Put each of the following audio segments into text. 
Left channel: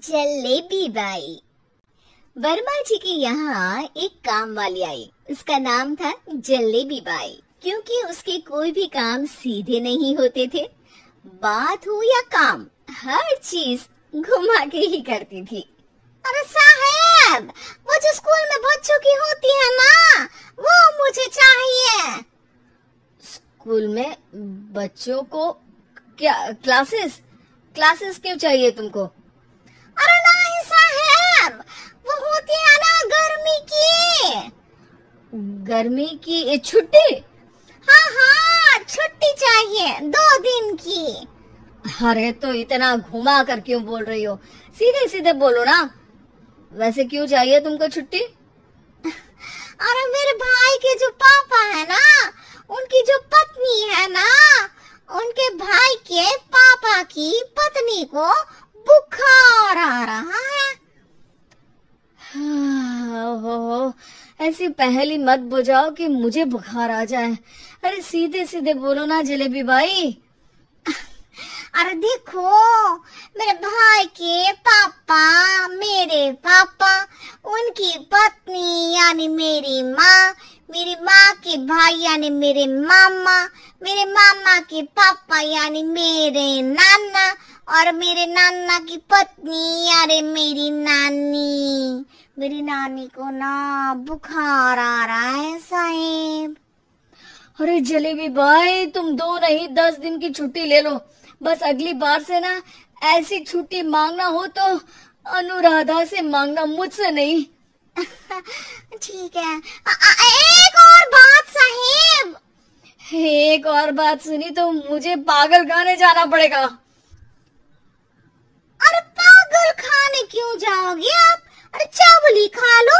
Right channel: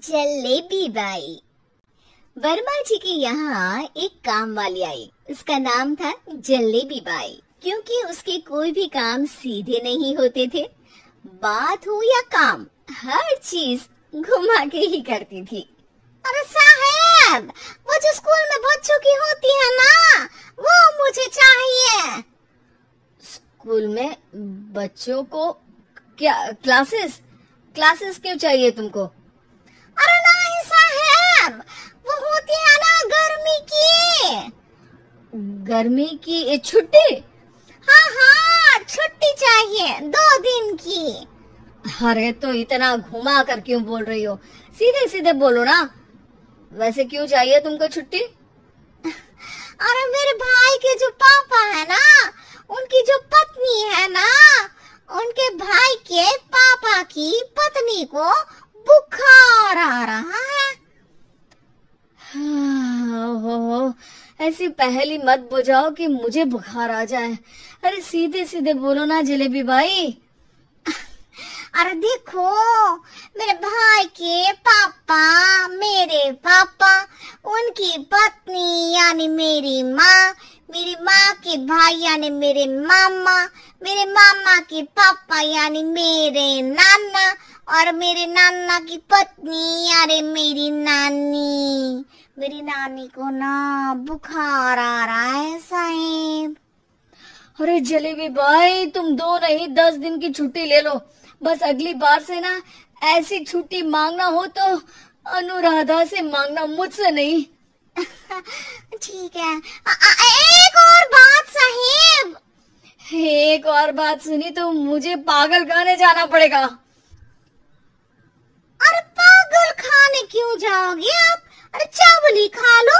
Jalebi by. Verma जी के यहाँ एक काम वाली आई। उसका नाम था जलेबी बाई, क्योंकि उसके कोई भी काम सीधे नहीं होते थे। बात हो या काम, हर चीज घुमा के ही करती थी। अरे साहब, वो जो स्कूल में बच्चों की होती है ना, वो मुझे चाहिए। स्कूल में बच्चों को क्या क्लासेस क्यों चाहिए तुमको? अरे नहीं साहब, वो होती है ना गर्मी की छुट्टी। हाँ, छुट्टी चाहिए 2 दिन की। अरे तो इतना घुमा कर क्यों बोल रही हो? सीधे सीधे बोलो ना। वैसे क्यों चाहिए तुमको छुट्टी? अरे मेरे भाई के जो पापा है ना, उनकी जो पत्नी है ना, उनके भाई के पापा की पत्नी को बुखार आ रहा है। ओहो, ऐसी पहेली मत बुझाओ कि मुझे बुखार आ जाए। अरे सीधे सीधे बोलो ना जलेबी भाई। अरे देखो, मेरे भाई के पापा, मेरे पापा, उनकी पत्नी यानी मेरी माँ के भाई यानी मेरे मामा के पापा यानी मेरे नाना, और मेरे नाना की पत्नी यानी मेरी नानी को ना बुखार आ रहा है साहब। अरे जलेबी भाई, तुम 2 नहीं 10 दिन की छुट्टी ले लो। बस अगली बार से ना ऐसी छुट्टी मांगना हो तो अनुराधा से मांगना, मुझसे नहीं। ठीक है। एक और बात साहिब। एक और बात सुनी तो मुझे पागल खाने जाना पड़ेगा। अरे पागल खाने क्यों जाओगे आप? अरे चावली खा लो।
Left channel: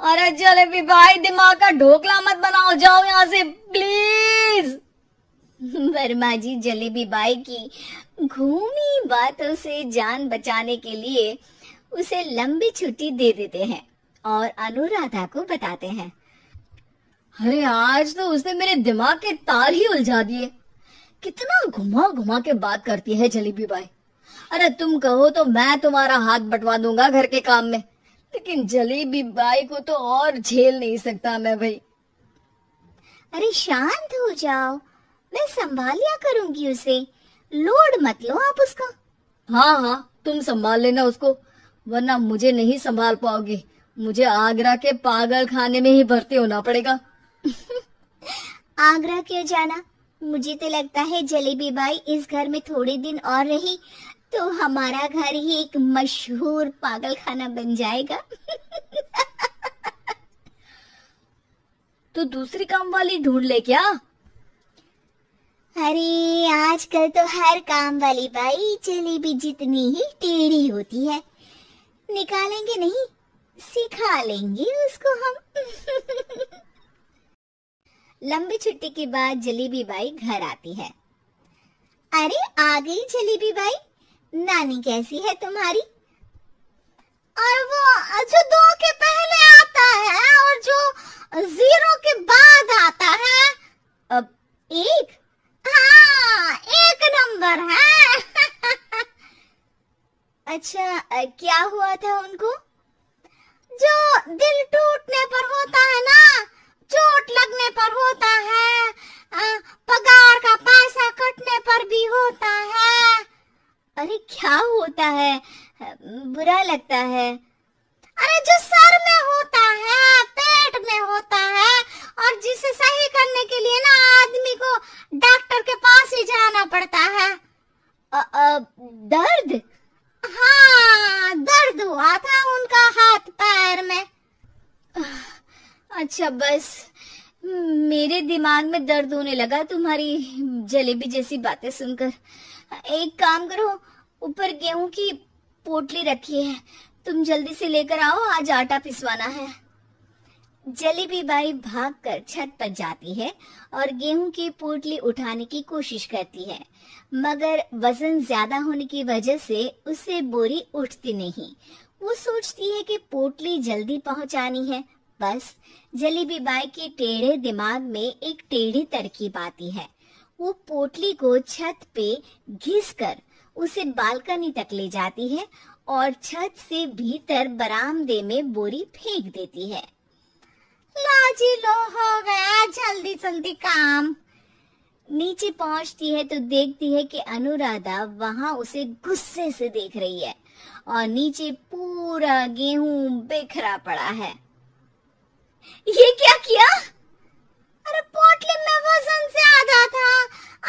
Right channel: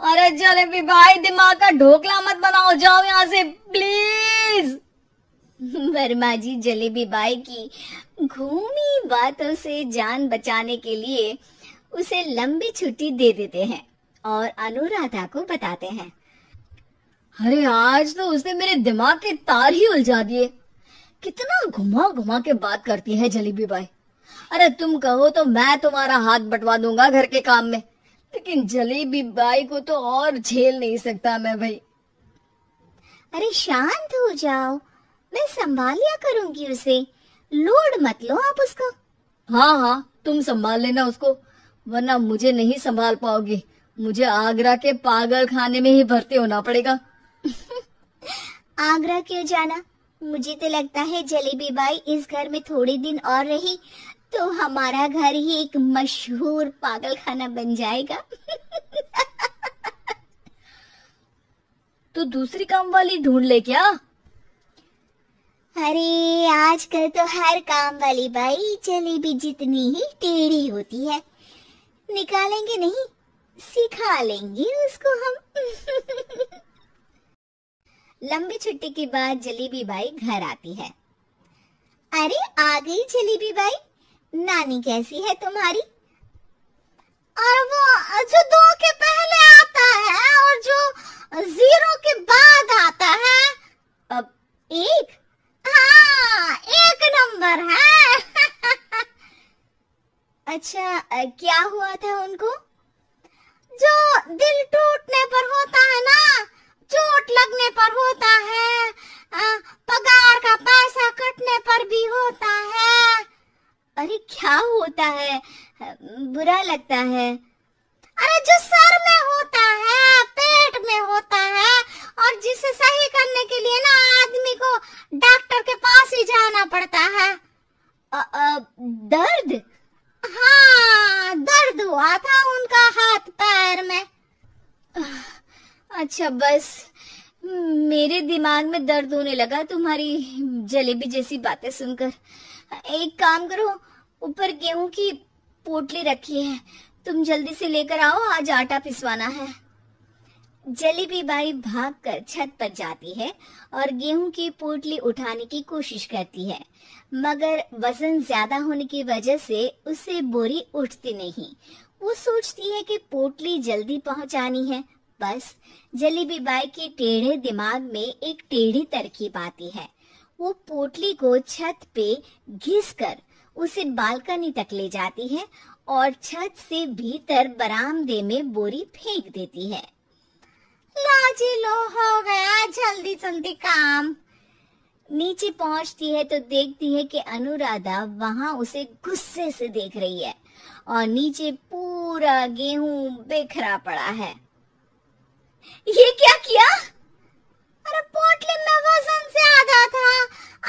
अरे जलेबी भाई, दिमाग का ढोकला मत बनाओ, जाओ यहाँ से प्लीज। वर्मा जी जलेबी बाई की घूमी बातों से जान बचाने के लिए उसे लंबी छुट्टी दे देते हैं और अनुराधा को बताते हैं। अरे आज तो उसने मेरे दिमाग के तार ही उलझा दिए। कितना घुमा घुमा के बात करती है जलेबी बाई। अरे तुम कहो तो मैं तुम्हारा हाथ बंटवा दूंगा घर के काम में, लेकिन जलेबी बाई को तो और झेल नहीं सकता मैं भाई। अरे शांत हो जाओ, मैं संभाल लिया करूंगी उसे, लोड मत लो आप उसका। हाँ, तुम संभाल लेना उसको, वरना मुझे नहीं संभाल पाओगी। मुझे आगरा के पागल खाने में ही भर्ती होना पड़ेगा। आगरा क्यों जाना? मुझे तो लगता है जलेबी बाई इस घर में थोड़े दिन और रही तो हमारा घर ही एक मशहूर पागल खाना बन जाएगा। तो दूसरी काम वाली ढूंढ ले क्या? अरे आजकल तो हर काम वाली बाई जलेबी जितनी ही टेढ़ी होती है। निकालेंगे नहीं, सिखा लेंगे उसको हम। लंबी छुट्टी के बाद जलेबी बाई घर आती है। अरे आ गई जलेबी बाई, नानी कैसी है तुम्हारी? और वो जो 2 के पहले आता है और जो 0 के बाद आता है, अब 1। हाँ, 1 नंबर है। अच्छा, क्या हुआ था उनको? जो दिल टूटने पर होता है ना, चोट लगने पर होता है, पगार का पैसा कटने पर भी होता है। अरे क्या होता है? बुरा लगता है? अरे जो सर में होता है, पेट में होता है, और जिसे सही करने के लिए ना आदमी को डॉक्टर के पास ही जाना पड़ता है। दर्द? हाँ, दर्द हुआ था उनका हाथ पैर में। अच्छा, बस मेरे दिमाग में दर्द होने लगा तुम्हारी जलेबी जैसी बातें सुनकर। एक काम करो, ऊपर गेहूं की पोटली रखी है, तुम जल्दी से लेकर आओ, आज आटा पिसवाना है। जलेबी बाई भागकर छत पर जाती है और गेहूं की पोटली उठाने की कोशिश करती है, मगर वजन ज्यादा होने की वजह से उससे बोरी उठती नहीं। वो सोचती है कि पोटली जल्दी पहुंचानी है। बस जलेबी बाई के टेढ़े दिमाग में एक टेढ़ी तरकीब आती है। वो पोटली को छत पे घिसकर उसे बालकनी तक ले जाती है और छत से भीतर बरामदे में बोरी फेंक देती है। लाजी लो, हो गया जल्दी जल्दी काम। नीचे पहुंचती है तो देखती है कि अनुराधा वहां उसे गुस्से से देख रही है और नीचे पूरा गेहूं बिखरा पड़ा है। ये क्या किया? अरे पोटली में वजन ज्यादा था,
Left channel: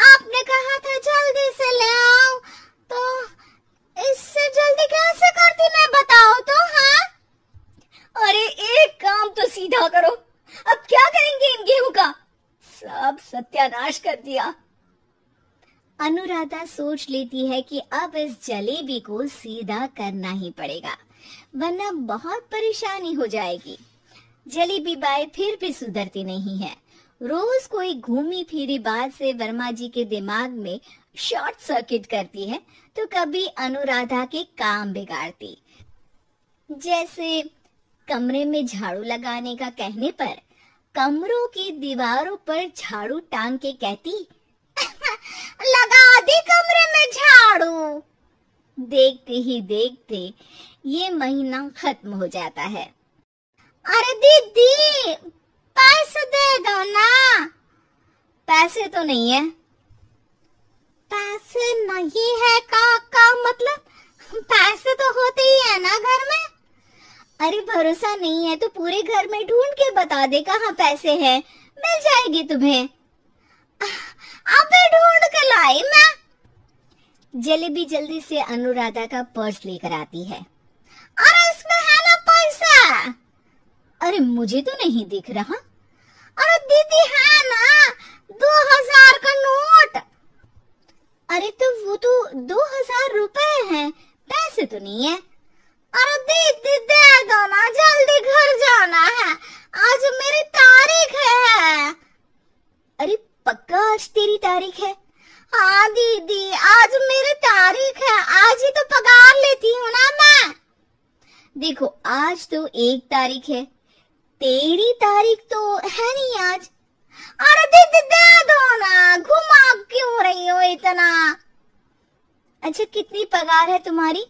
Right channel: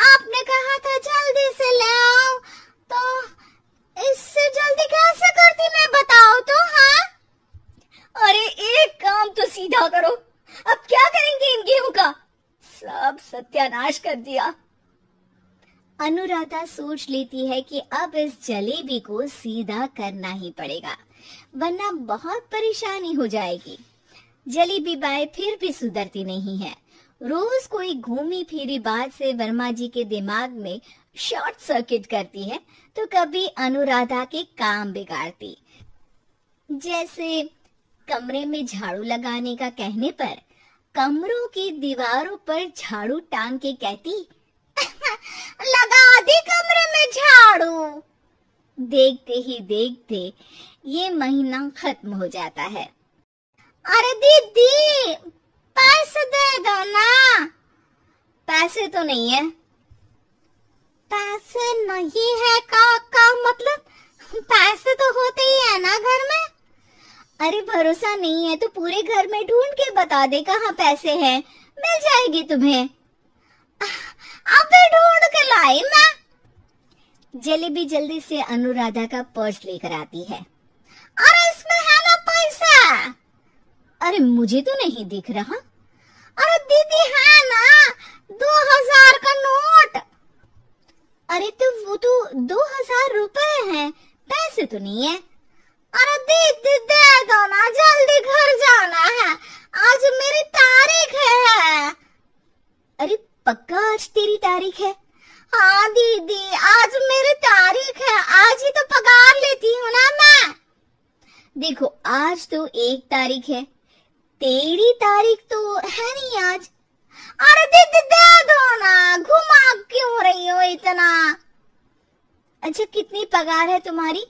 आपने कहा था जल्दी से ले आओ, तो इससे जल्दी कैसे करती मैं बताओ तो। हाँ, अरे एक काम तो सीधा करो, अब क्या करेंगे इन गेहूं का? सब सत्यानाश कर दिया। अनुराधा सोच लेती है कि अब इस जलेबी को सीधा करना ही पड़ेगा, वरना बहुत परेशानी हो जाएगी। जलेबी बाई फिर भी सुधरती नहीं है। रोज कोई घूमी फिरी बात से वर्मा जी के दिमाग में शॉर्ट सर्किट करती है, तो कभी अनुराधा के काम बिगाड़ती। जैसे कमरे में झाड़ू लगाने का कहने पर कमरों की दीवारों पर झाड़ू टांग के कहती, लगा दी कमरे में झाड़ू। देखते ही देखते ये महीना खत्म हो जाता है। अरे दीदी, पैसे दे दो ना। पैसे तो नहीं है। पैसे नहीं है का मतलब? पैसे तो होते ही है ना घर में। अरे भरोसा नहीं है तो पूरे घर में ढूंढ के बता दे कहाँ पैसे हैं, मिल जाएगी तुम्हें। अबे ढूंढ के लाई मैं। जलेबी जल्दी से अनुराधा का पर्स लेकर आती है। अरे इसमें है ना पैसा। अरे मुझे तो नहीं दिख रहा। अरे दीदी है ना, 2000 का नोट। अरे तो वो तो 2000 रुपए हैं, पैसे तो नहीं है। अरे दीदी दे दो ना, जल्दी घर जाना है, आज मेरी तारीख है। अरे पक्का आज तेरी तारीख है? हाँ दीदी, आज मेरी तारीख है, आज ही तो पगार लेती हूँ ना मैं। देखो आज तो 1 तारीख है, तेरी तारीख तो है नहीं आज। अरे दीदी दे दो ना, घुमा क्यों रही हो इतना? अच्छा कितनी पगार है तुम्हारी?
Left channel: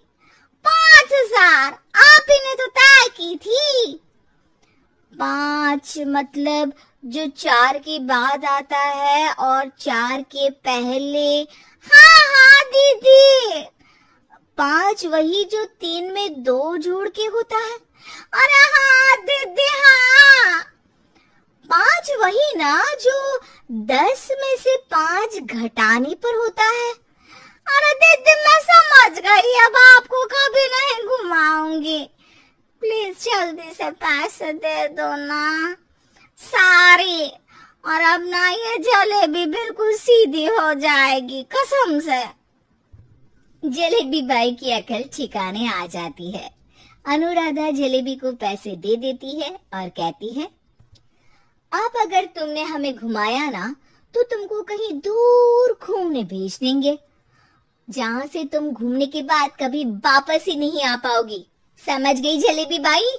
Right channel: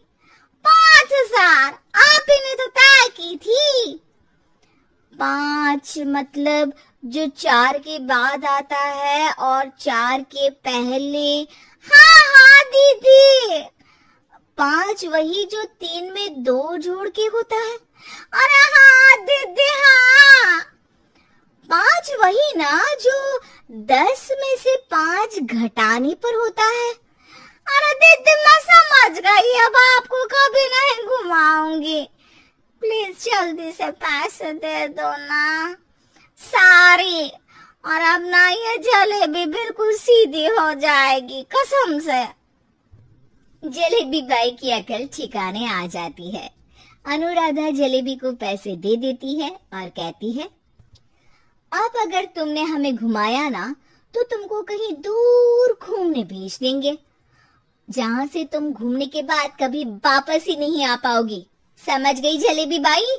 5000, आप ही ने तो तय की थी। 5 मतलब जो 4 के बाद आता है और 4 के पहले। हाँ हाँ दीदी। 5 वही जो 3 में 2 जोड़ के होता है। अरे हाँ दीदी हाँ। 5 वही ना जो 10 में से 5 घटाने पर होता है। अरे दीदी मैं समझ गई, अब आपको कभी नहीं घुमाऊंगी। प्लीज जल्दी से पैसे दे दो ना, सारी। और अब ना ये जलेबी बिल्कुल सीधी हो जाएगी कसम से। जलेबी बाई की अकल ठिकाने आ जाती है। अनुराधा जलेबी को पैसे दे देती है और कहती है, अब अगर तुमने हमें घुमाया ना तो तुमको कहीं दूर घूमने भेज देंगे, जहाँ से तुम घूमने के बाद कभी वापस ही नहीं आ पाओगी। समझ गई जलेबी बाई?